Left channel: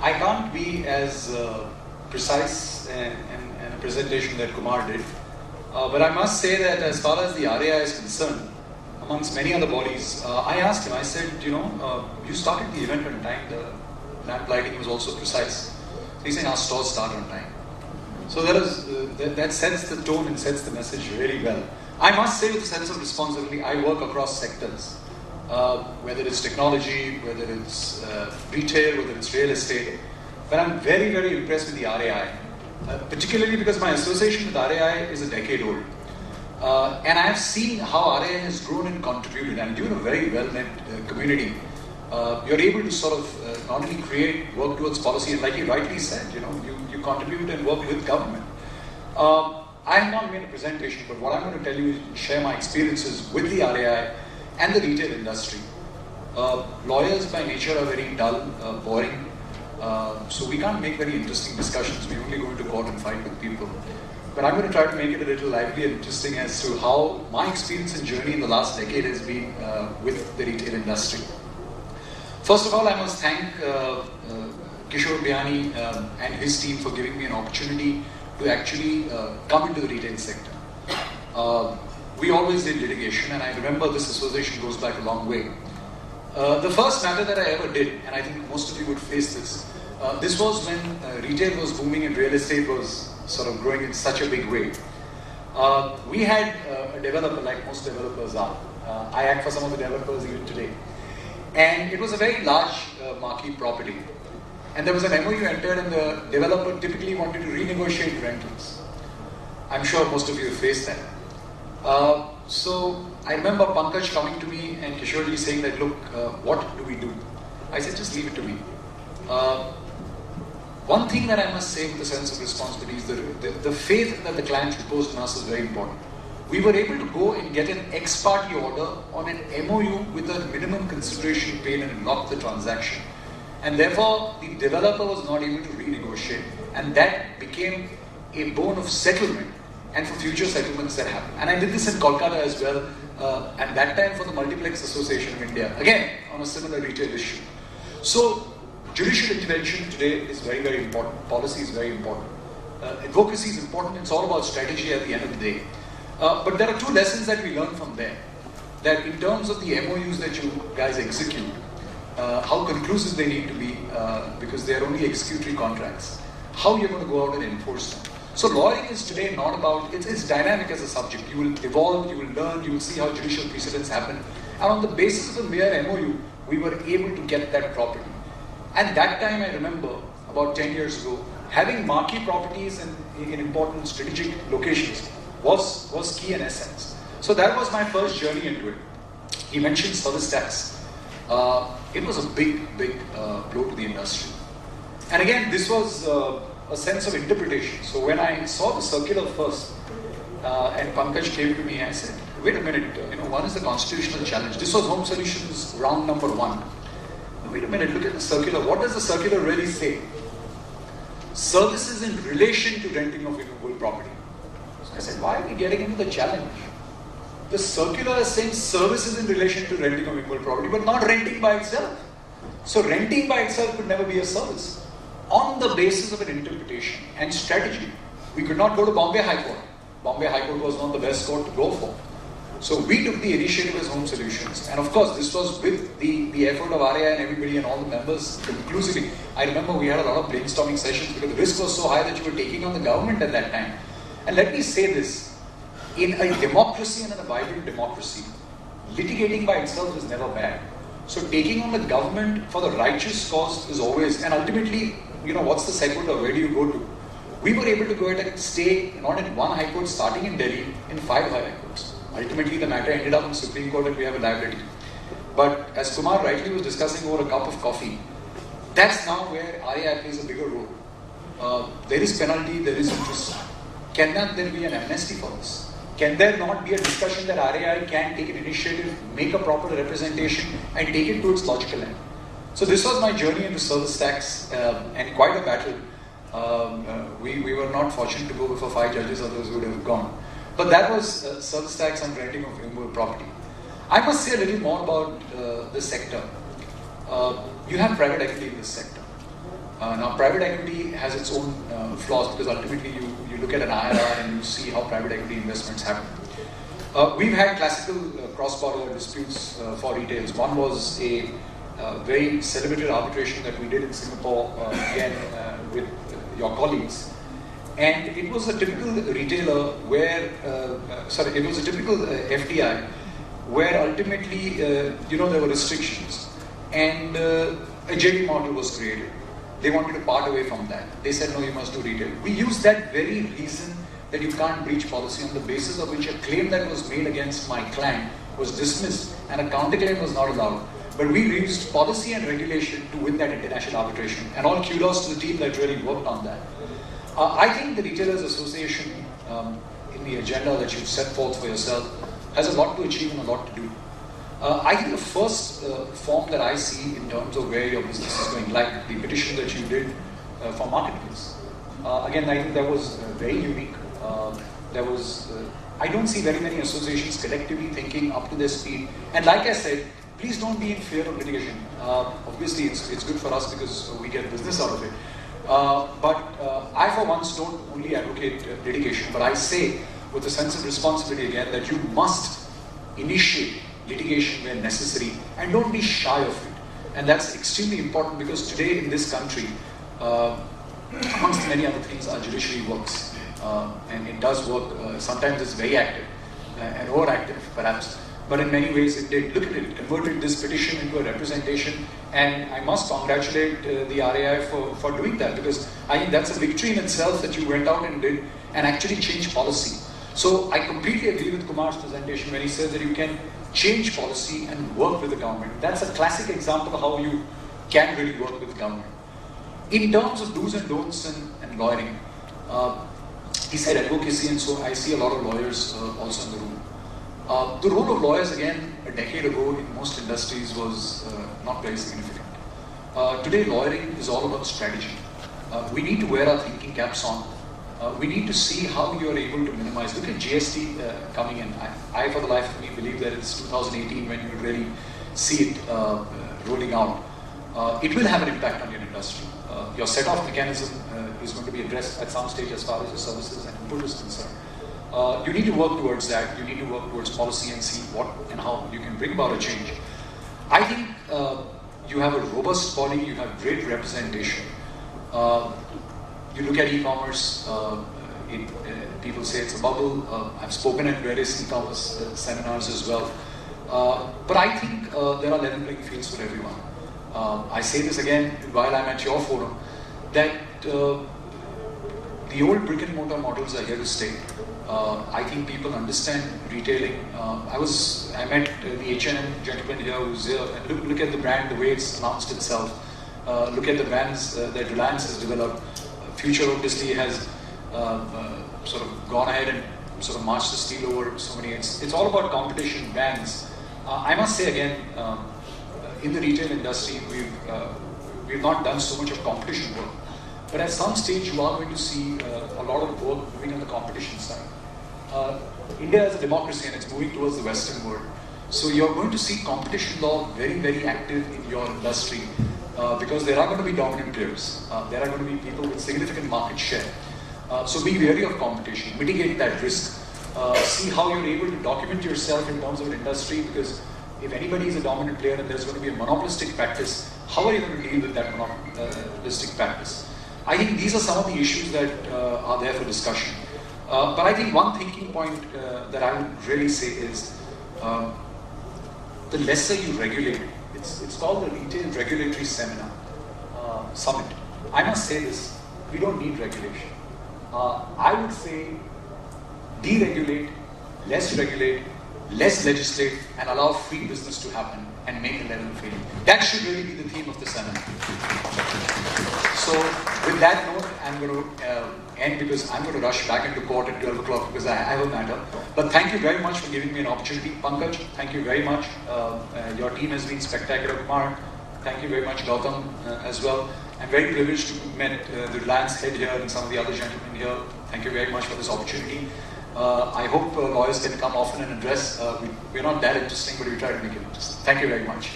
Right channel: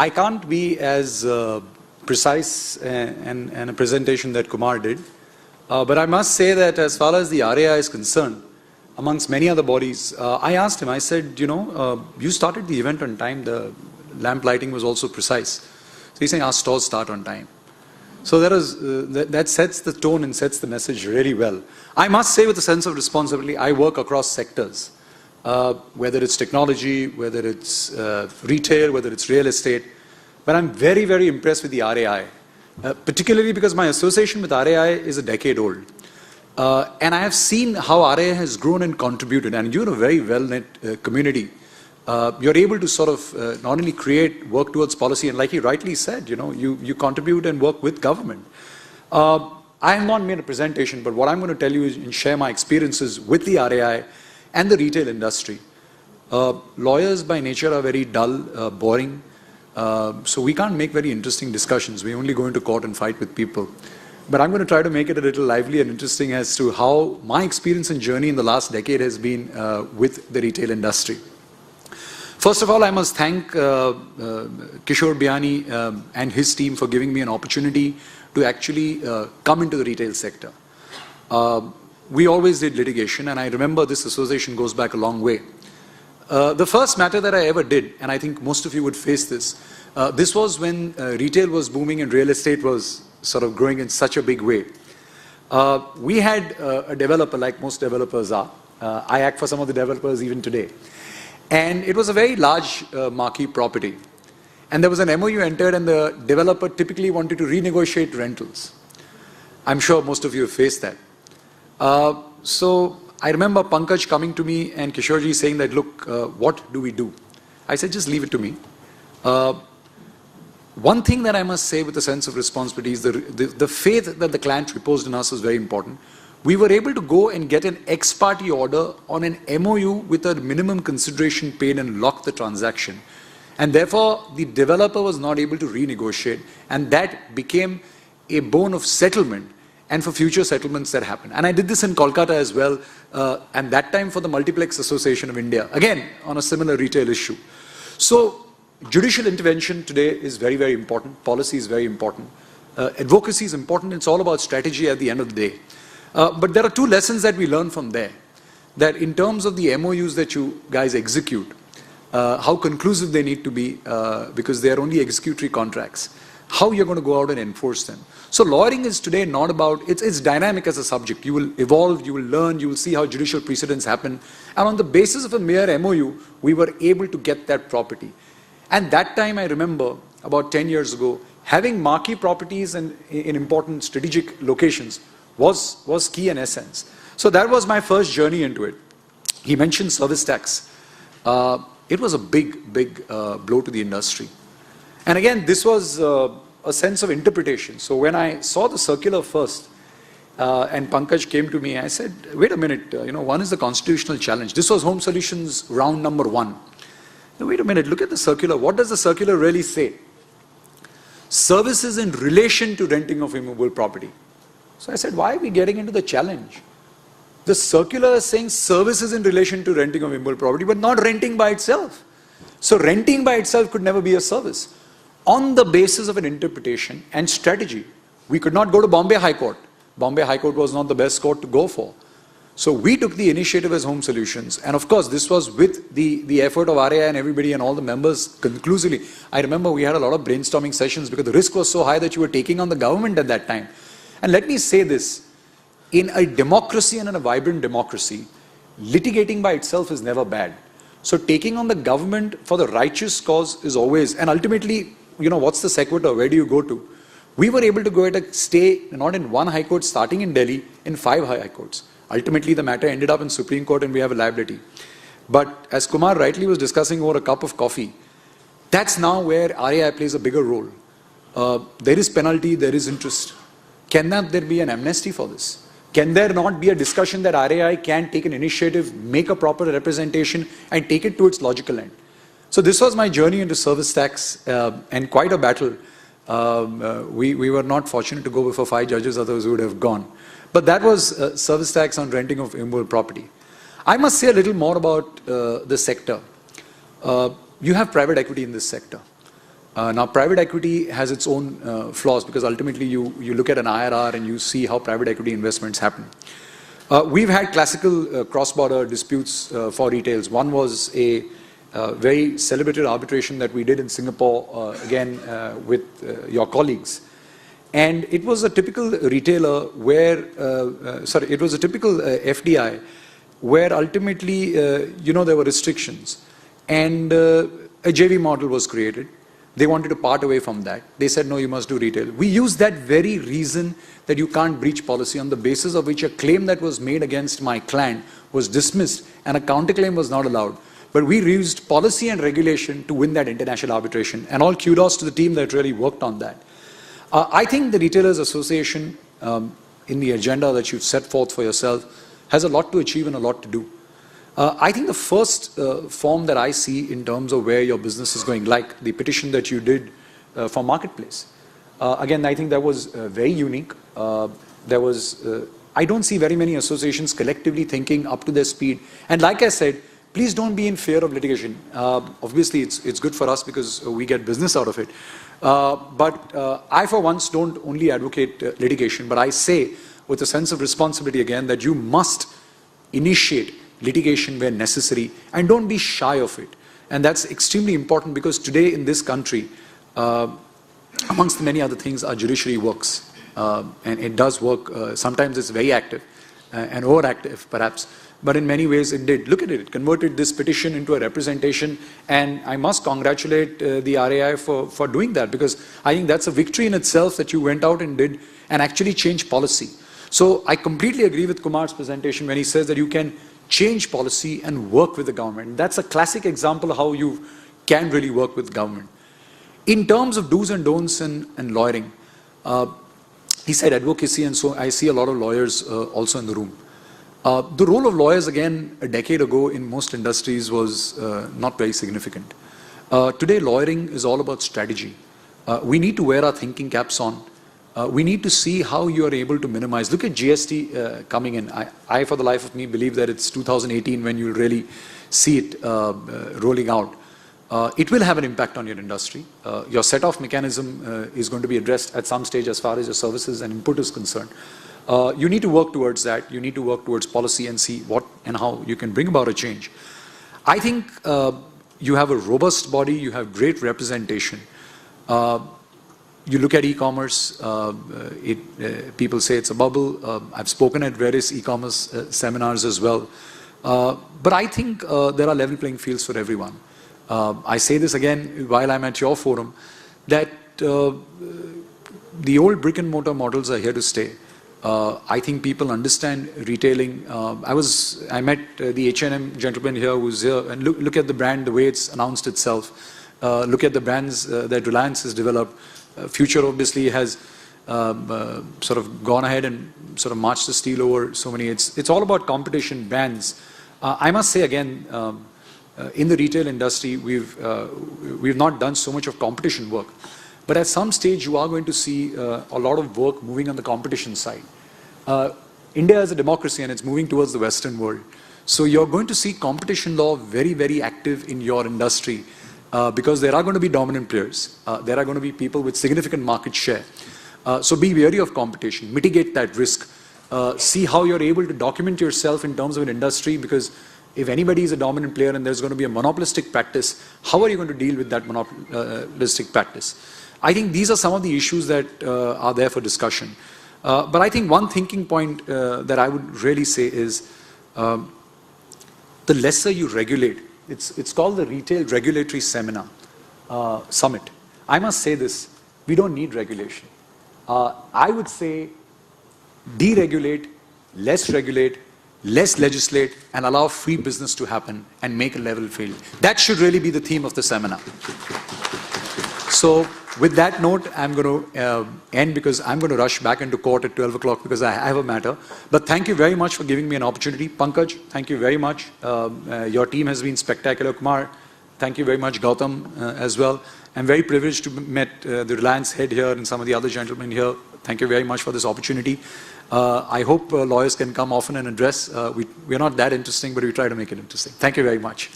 I can't be as precise and a presentation that Kumar did, but I must say that as far as the RAI is concerned, amongst many other bodies, I asked him, I said, you started the event on time, the lamp lighting was also precise. So he's saying our stores start on time. So that sets the tone and sets the message really well. I must say with a sense of responsibility, I work across sectors, whether it's technology, whether it's retail, whether it's real estate. But I'm very, very impressed with the RAI, particularly because my association with RAI is a decade old. And I have seen how RAI has grown and contributed, and you're a very well-knit community. You're able to sort of not only create, work towards policy, and like you rightly said, you contribute and work with government. I am not made a presentation, but what I'm going to tell you is share my experiences with the RAI and the retail industry. Lawyers by nature are very dull, boring, so we can't make very interesting discussions. We only go into court and fight with people. But I'm going to try to make it a little lively and interesting as to how my experience and journey in the last decade has been with the retail industry. First of all, I must thank Kishore Biyani and his team for giving me an opportunity to actually come into the retail sector. We always did litigation, and I remember this association goes back a long way. The first matter that I ever did, and I think most of you would face this, this was when retail was booming and real estate was sort of growing in such a big way. We had a developer, like most developers are. I act for some of the developers even today. And it was a very large marquee property. And there was an MoU entered, and the developer typically wanted to renegotiate rentals. I'm sure most of you have faced that. So I remember Pankaj coming to me and Kishorji saying that, look, what do we do? I said, just leave it to me. One thing that I must say with a sense of responsibility is the faith that the client reposed in us is very important. We were able to go and get an ex parte order on an MoU with a minimum consideration paid and lock the transaction. And therefore, the developer was not able to renegotiate, and that became a bone of settlement and for future settlements that happened. And I did this in Kolkata as well, and that time for the Multiplex Association of India, again on a similar retail issue. So judicial intervention today is very, very important. Policy is very important. Advocacy is important. It's all about strategy at the end of the day. But there are two lessons that we learn from there. That in terms of the MoUs that you guys execute, how conclusive they need to be, because they are only executory contracts. How you're going to go out and enforce them. So lawyering is today not about, it's dynamic as a subject. You will evolve, you will learn, you will see how judicial precedents happen. And on the basis of a mere MoU, we were able to get that property. And that time I remember, about 10 years ago, having marquee properties in important strategic locations was key in essence. So that was my first journey into it. He mentioned service tax. It was a big blow to the industry. And again, this was a sense of interpretation. So when I saw the circular first, and Pankaj came to me, I said, wait a minute, one is the constitutional challenge. This was Home Solutions round number 1. Now, wait a minute, look at the circular. What does the circular really say? Services in relation to renting of immovable property. So I said, why are we getting into the challenge? The circular is saying services in relation to renting of immovable property, but not renting by itself. So renting by itself could never be a service. On the basis of an interpretation and strategy, we could not go to Bombay High Court. Bombay High Court was not the best court to go for. So we took the initiative as Home Solutions, and of course this was with the effort of RAI and everybody and all the members conclusively. I remember we had a lot of brainstorming sessions because the risk was so high that you were taking on the government at that time. And let me say this, in a democracy and in a vibrant democracy, litigating by itself is never bad. So taking on the government for the righteous cause is always, and ultimately, what's the sequitur, where do you go to? We were able to go at a stay, not in one high court starting in Delhi, in 5 high courts. Ultimately, the matter ended up in Supreme Court and we have a liability. But as Kumar rightly was discussing over a cup of coffee, that's now where RAI plays a bigger role. There is penalty, there is interest. Cannot there be an amnesty for this? Can there not be a discussion that RAI can take an initiative, make a proper representation and take it to its logical end? So this was my journey into service tax and quite a battle. We were not fortunate to go before 5 judges, others would have gone. But that was service tax on renting of immovable property. I must say a little more about the sector. You have private equity in this sector. Now, private equity has its own flaws because ultimately you look at an IRR and you see how private equity investments happen. We've had classical cross-border disputes for retails. One was a very celebrated arbitration that we did in Singapore, again with your colleagues. And it was a typical retailer where, it was a typical FDI where ultimately, there were restrictions. And a JV model was created. They wanted to part away from that. They said, no, you must do retail. We used that very reason that you can't breach policy, on the basis of which a claim that was made against my client was dismissed and a counterclaim was not allowed. But we used policy and regulation to win that international arbitration. And all kudos to the team that really worked on that. I think the Retailers Association, in the agenda that you've set forth for yourself, has a lot to achieve and a lot to do. I think the first form that I see in terms of where your business is going, like the petition that you did for Marketplace. Again, I think that was very unique. I don't see very many associations collectively thinking up to their speed. And like I said, please don't be in fear of litigation. Obviously, it's good for us because we get business out of it. But I, for once, don't only advocate litigation, but I say with a sense of responsibility again that you must initiate litigation where necessary and don't be shy of it. And that's extremely important because today in this country, amongst many other things, our judiciary works. And it does work. Sometimes it's very active and overactive, perhaps. But in many ways it did. Look at it, converted this petition into a representation. And I must congratulate the RAI for doing that, because I think that's a victory in itself that you went out and did and actually changed policy. So I completely agree with Kumar's presentation when he says that you can change policy and work with the government. That's a classic example of how you can really work with government. In terms of do's and don'ts and lawyering, he said advocacy, and so I see a lot of lawyers also in the room. The role of lawyers, again, a decade ago in most industries was not very significant. Today, lawyering is all about strategy. We need to wear our thinking caps on. We need to see how you are able to minimize. Look at GST coming in. I, for the life of me, believe that it's 2018 when you really see it rolling out. It will have an impact on your industry. Your set-off mechanism is going to be addressed at some stage as far as your services and input is concerned. You need to work towards that. You need to work towards policy and see what and how you can bring about a change. I think you have a robust body. You have great representation. You look at e-commerce, people say it's a bubble. I've spoken at various e-commerce seminars as well. But I think there are level playing fields for everyone. I say this again while I'm at your forum, that the old brick and mortar models are here to stay. I think people understand retailing. I met the H&M gentleman here who's here, and look at the brand, the way it's announced itself. Look at the brands that Reliance has developed. Future obviously has sort of gone ahead and sort of marched the steel over so many. It's all about competition, brands. I must say again, in the retail industry, we've not done so much of competition work. But at some stage, you are going to see a lot of work moving on the competition side. India is a democracy and it's moving towards the Western world. So you're going to see competition law very, very active in your industry because there are going to be dominant players. There are going to be people with significant market share. So be wary of competition, mitigate that risk. See how you're able to document yourself in terms of an industry, because if anybody is a dominant player and there's going to be a monopolistic practice, how are you going to deal with that monopolistic practice? I think these are some of the issues that are there for discussion. But I think one thinking point that I would really say is the lesser you regulate, it's called the Retail Regulatory Seminar Summit. I must say this, we don't need regulation. I would say deregulate, less regulate, less legislate, and allow free business to happen and make a level field. That should really be the theme of the seminar. So with that note, I'm going to end because I'm going to rush back into court at 12 o'clock because I have a matter. But thank you very much for giving me an opportunity. Pankaj, thank you very much. Your team has been spectacular. Kumar, thank you very much. Gautam as well. I'm very privileged to have met the Reliance head here and some of the other gentlemen here. Thank you very much for this opportunity. I hope lawyers can come often and address. We're not that interesting, but we try to make it interesting. Thank you very much.